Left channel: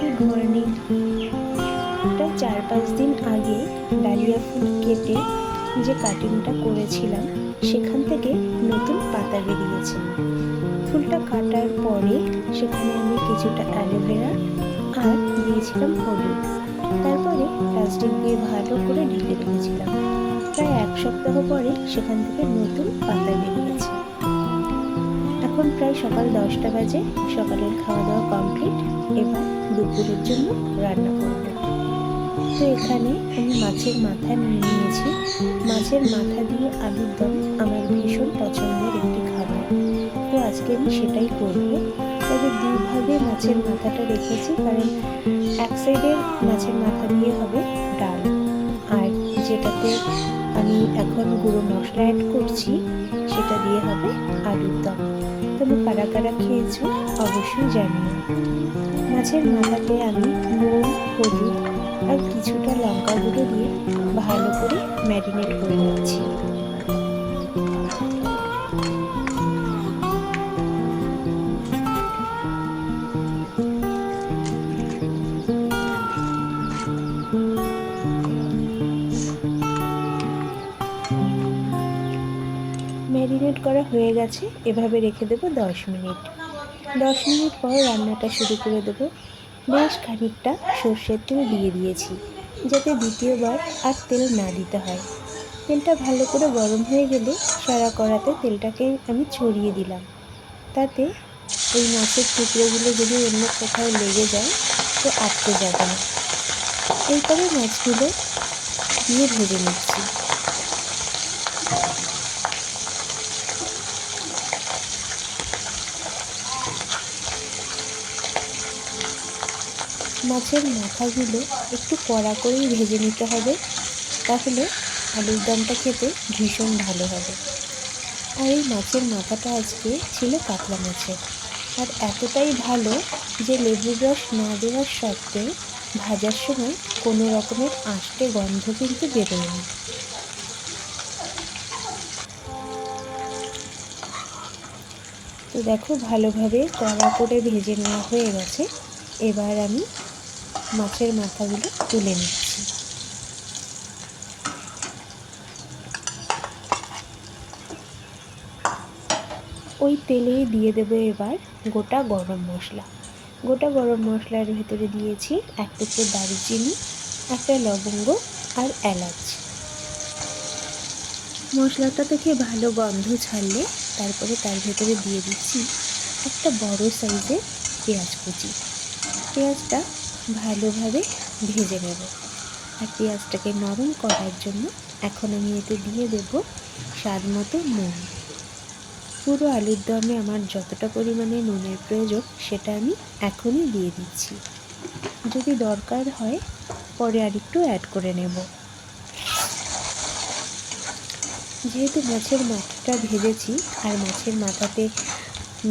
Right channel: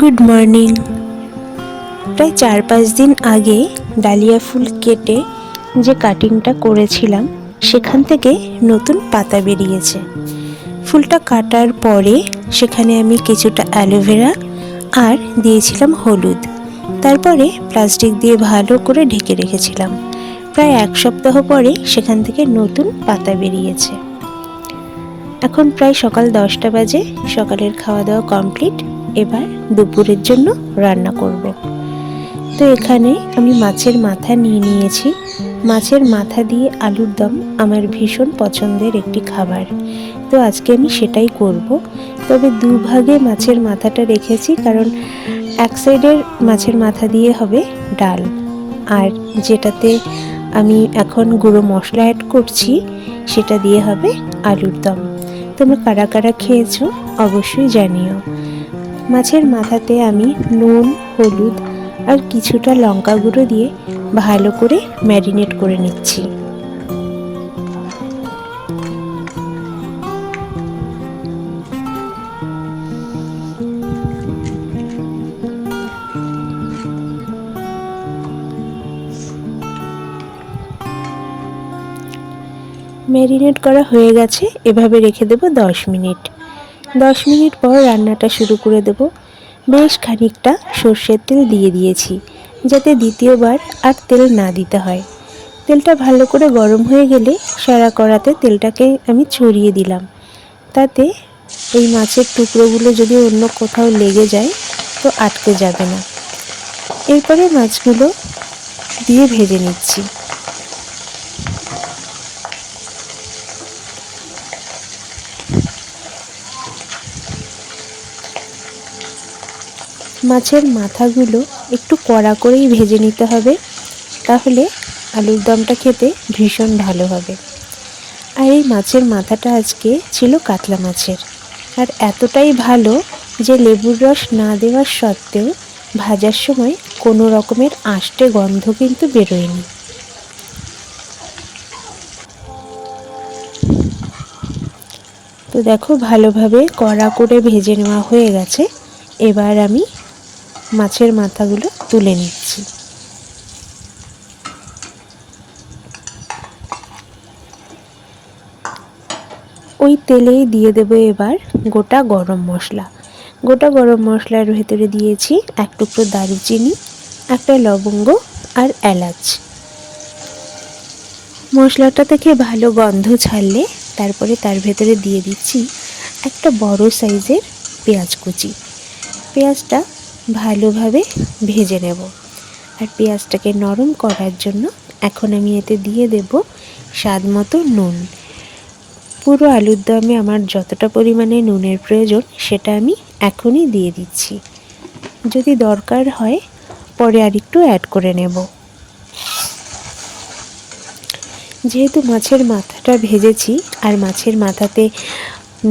Good morning. প্রায় 4-5 দিন আগে ডালিয়া ফুল কেটে যে কাটিংটা করেছিলাম সেখান থেকে নতুন পাতা বেরিয়েছে। ফুলটা কাটার পরে সেখানে আমি কিছুটা অ্যালোভেরা আর দিয়েছিলাম হলুদ, তারপরে প্লাস্টিক দিয়ে ভালো করে ঢেকে রেখেছিলাম। প্রায় 1 সপ্তাহ পরে সেখান থেকে নতুন পাতা বেরিয়েছে। এখন প্রায় সকাল 10টা বাজে। সকালের খাওয়া দাওয়া কমপ্লিট। এবার দুপুরের জন্য রান্না করব। তো এখানে আমি মাছের মাথা নিয়ে নিয়েছি। মাছের মাথা দিয়ে আলুর দম আমার ভীষণ পছন্দের একটি খাবার, তো আজকে আমি সেটাই করব। তবে দুভাগে মাছের মাথাটা রেখেছি, কারণ এক সাইডের মাছের মাথা দিয়ে হবে ডাল, আর যেটাতে আমি এখন গুঁড়ো মশলা অ্যাড করছি সেটা দিয়ে হবে আলুর দম। তোমরা কারা কারা খেয়েছো অবশ্যই জানিও। মাছের মাথাতে আমি নুন, হলুদ আর কিছুটা লঙ্কা গুঁড়ো দিয়ে ভালো করে ম্যারিনেট করে নিচ্ছি। ম্যারিনেট করা হয়ে গেছে, এভাবে রেখে দেবো 10 মিনিট। 10 মিনিট পর রান্নাটা শুরু করে দেব। বেশ খানিকটা সর্ষের তেল দিয়ে দিয়েছি, যাতে দ্বিতীয়বার আর তেল না দিতে হয়। তেলটা ভালো করে গরম হয়ে গেলে সারা কড়াতে তেলটাকে আমি ছড়িয়ে দিলাম, তাতে এই মাছের টুকরোগুলো যদি অন্য কোথাও লেগে যায় তো আটকে যাবে না। এরপরে মাছগুলো দিয়ে ভেজে নিচ্ছি। মাছের মাথাগুলো একটু কড়া করেই ভেজে নিতে হবে, তাহলে আলুর দমটা খেতে ভীষণ ভালো হবে। আর এই মাছের মাথাটা আজকে ছিল কাতলা মাছের, আর এতটাই ভালো যে লেবুর রস না দেওয়ার সত্ত্বেও ভাজার সময় কোনো রকমের আষ্টে গন্ধ কিন্তু বেরোয়নি। তো দেখো, ভালোভাবে কড়া করে ভেজে নেওয়া হয়ে গেছে। এবার আমি মাছের মাথাগুলো তুলে নিচ্ছি। ওই তেলেই দিয়ে দেবো এবার গোটা গরম মশলা। গোটা গরম মশলার ভেতরে দিয়েছি 1 টুকরো দারুচিনি, 1টা লবঙ্গ আর এলাচ। মশলাটা থেকে ভালো গন্ধ ছাড়লে তারপরে তার ভেতরে দিয়ে দিচ্ছি একটা বড় সাইজের পেঁয়াজ কুচি। পেঁয়াজটা ভালোভাবে ভেজে নেব। আর পেঁয়াজটাকে নরম করার জন্য এখন আমি এতে দিয়ে দেব স্বাদ মতো নুন। পুরো আলুর দমে আমার যতটা পরিমাণে নুনের প্রয়োজন সেটা আমি এখনই দিয়ে দিচ্ছি। যদি দরকার হয় পরে আর একটু অ্যাড করে নেব। যেহেতু মাছের মাথাটা ভেজেছি আর মাছের মাথাতে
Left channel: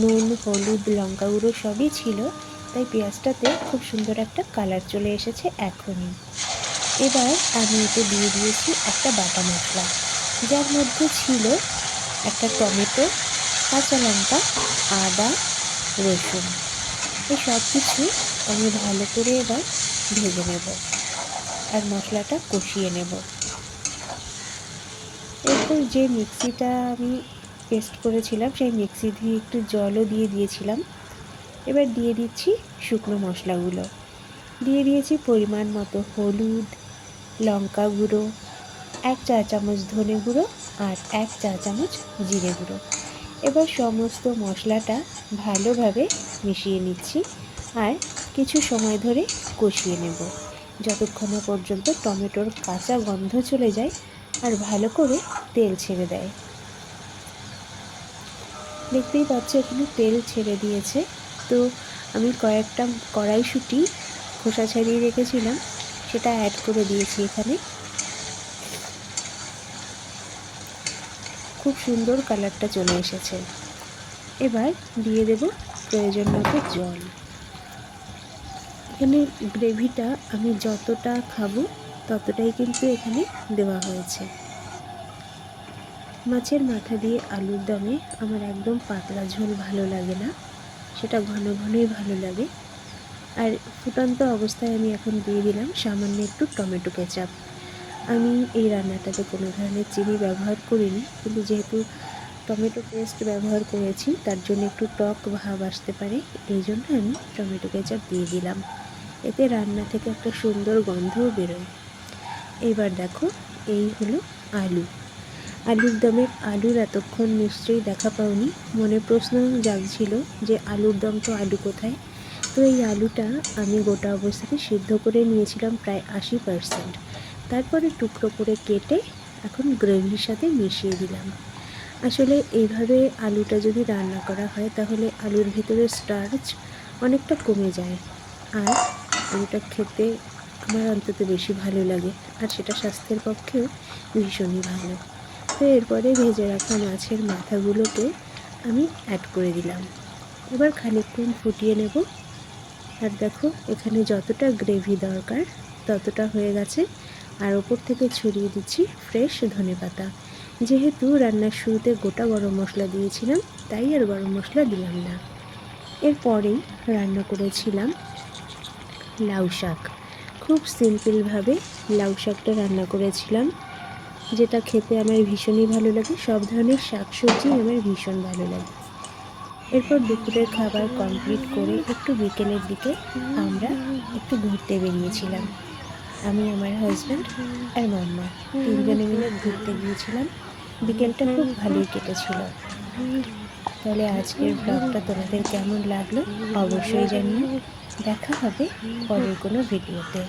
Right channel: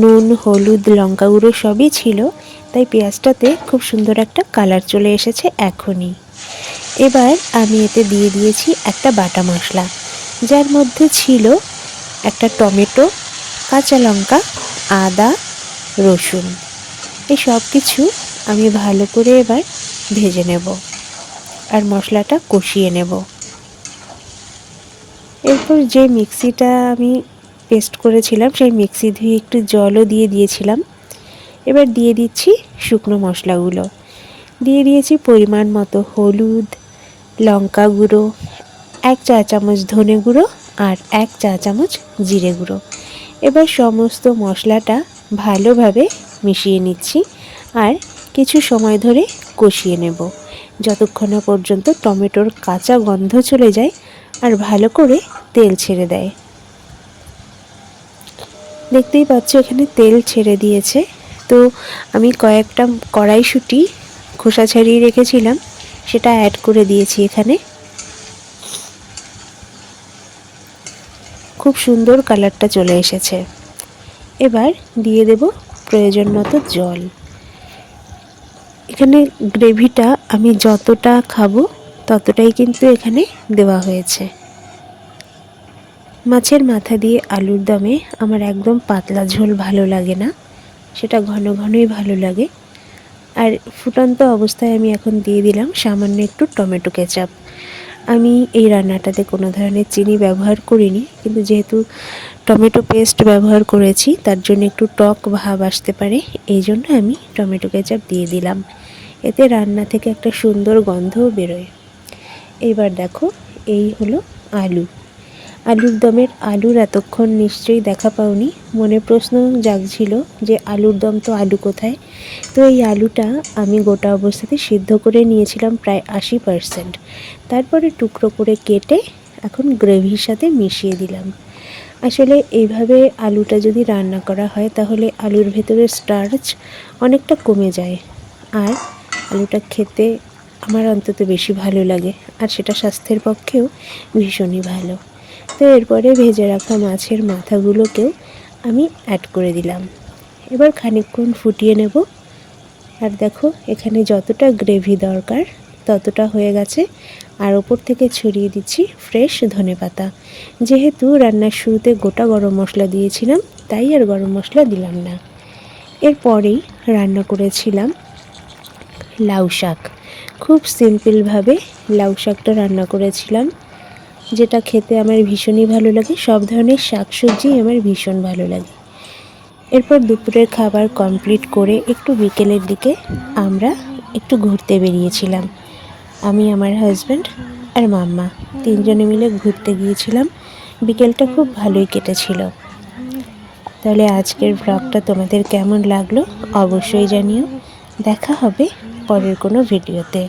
নুন, হলুদ, লঙ্কা গুঁড়ো সবই ছিল, তাই পেঁয়াজটাতে খুব সুন্দর একটা কালার চলে এসেছে এখনই। এবার আমি এতে দিয়ে দিয়েছি একটা বাটা মশলা, যার মধ্যে ছিল একটা টমেটো, কাঁচা লঙ্কা, আদা, রসুন। এই সব কিছু আমি ভালো করে এবার ভেজে নেব আর মশলাটা কষিয়ে নেব। এরপর যে মিক্সিটা আমি পেস্ট করেছিলাম সেই মিক্সি ধুয়ে একটু জলও দিয়ে দিয়েছিলাম। এবার দিয়ে দিচ্ছি শুকনো মশলাগুলো। দিয়ে দিয়েছি পরিমাণ মতো হলুদ, লঙ্কা গুঁড়ো, 1 চা চামচ ধনে গুঁড়ো আর 1 চা চামচ জিরে গুঁড়ো। এবার সমস্ত মশলাটা ভালোভাবে মিশিয়ে নিচ্ছি আর কিছু সময় ধরে কষিয়ে নেব, যতক্ষণ না পর্যন্ত টমেটোর কাঁচা গন্ধ চলে যায় আর ভালো করে তেল ছেড়ে দেয়। দেখতেই পাচ্ছ এখানে তেল ছেড়ে দিয়েছে। তো আমি কয়েকটা কড়াইশুঁটি খোসা ছাড়িয়ে রেখেছিলাম, সেটা অ্যাড করে দিয়েছি এখানে। খুব সুন্দর কালারটা চলে এসেছে। এবার দিয়ে দেব প্রয়োজন মতো জল। এখানে গ্রেভিটা আমি যতটা খাবো ততটাই কিন্তু এখানে দেওয়া হয়েছে। মাছের মাথা দিয়ে আলুর দমে আমার একদম পাতলা ঝোল ভালো লাগে না, সেটা ঘন ঘনই ভালো লাগে। আর ফুটন্ত অবস্থায় আমি এখন দিয়ে দিলাম সামান্য একটু টমেটো কেচাপ। আমি এই রান্নাটাতে কোনো ধরনের চিনি ব্যবহার করিনি, কিন্তু যেহেতু টমেটো পেস্ট ব্যবহার করেছি তার জন্য একটু টক ভাব আসতে পারে, এই জন্য আমি টমেটো কেচাপ দিয়ে দিলাম। এতে রান্না থেকে একটা সুন্দর গন্ধও বেরোয়। এইবার দেখো, এই হলো আলু। আলুর দমের আলুর এতক্ষণ নিশ্চয়ই দেখা পাওনি, মনে প্রশ্ন জাগছিল যে আলুর দম তো আলু কোথায়। তো এই আলুটা আমি গোটা অবস্থাতে সিদ্ধ করে নিয়েছিলাম প্রায় 80%। তারপরে টুকরো করে কেটে এখন গ্রেভির সাথে মিশিয়ে দিলাম। আসলে এইভাবে আলুটা যদি রান্না করা হয় তাহলে আলুর ভেতরে স্টার্চ অনেকটা কমে যায়, আর আলুটা খেতে আমার অন্তত বেশি ভালো লাগে, আর সেটা স্বাস্থ্যের পক্ষেও ভীষণই ভালো। তো এরপরে ভেজে রাখা মাছের মাথাগুলোকেও আমি অ্যাড করে দিলাম। এবার খানিকক্ষণ ফুটিয়ে নেব। আর দেখো, এখানে যতটা গ্রেভি দরকার ততটা হয়ে গেছে। আর ওপর থেকে ছড়িয়ে দিচ্ছি ফ্রেশ ধনেপাতা। যেহেতু রান্নার শুরুতে গোটা গরম মশলা দিয়েছিলাম, তাই আর গরম মশলা দিলাম না। এরপরেই রান্না করেছিলাম লাউ শাক। খুব সিম্পলভাবে লাউ শাকটা রান্না করেছিলাম, যেটা খেতে আমার ভীষণই ভালো লাগে। সব ধরনের শাকসবজি আমার ভীষণ ভালো লাগে। এরপর দুপুরের খাবার কমপ্লিট করে একটু বিকেলের দিকে আমরা একটু ঘুরতে বেরিয়েছিলাম। আমি, আমার হাজব্যান্ড আর মাম্মা তিনজনে মিলে ঘুরতে গিয়েছিলাম। বিকেলটা খুব ভালোই কেটেছিল। তাহলে আজকের ব্লগটা তোমাদের কেমন লাগলো অবশ্যই জানিও। দেখা হবে পরের কোনো ভিডিওতে।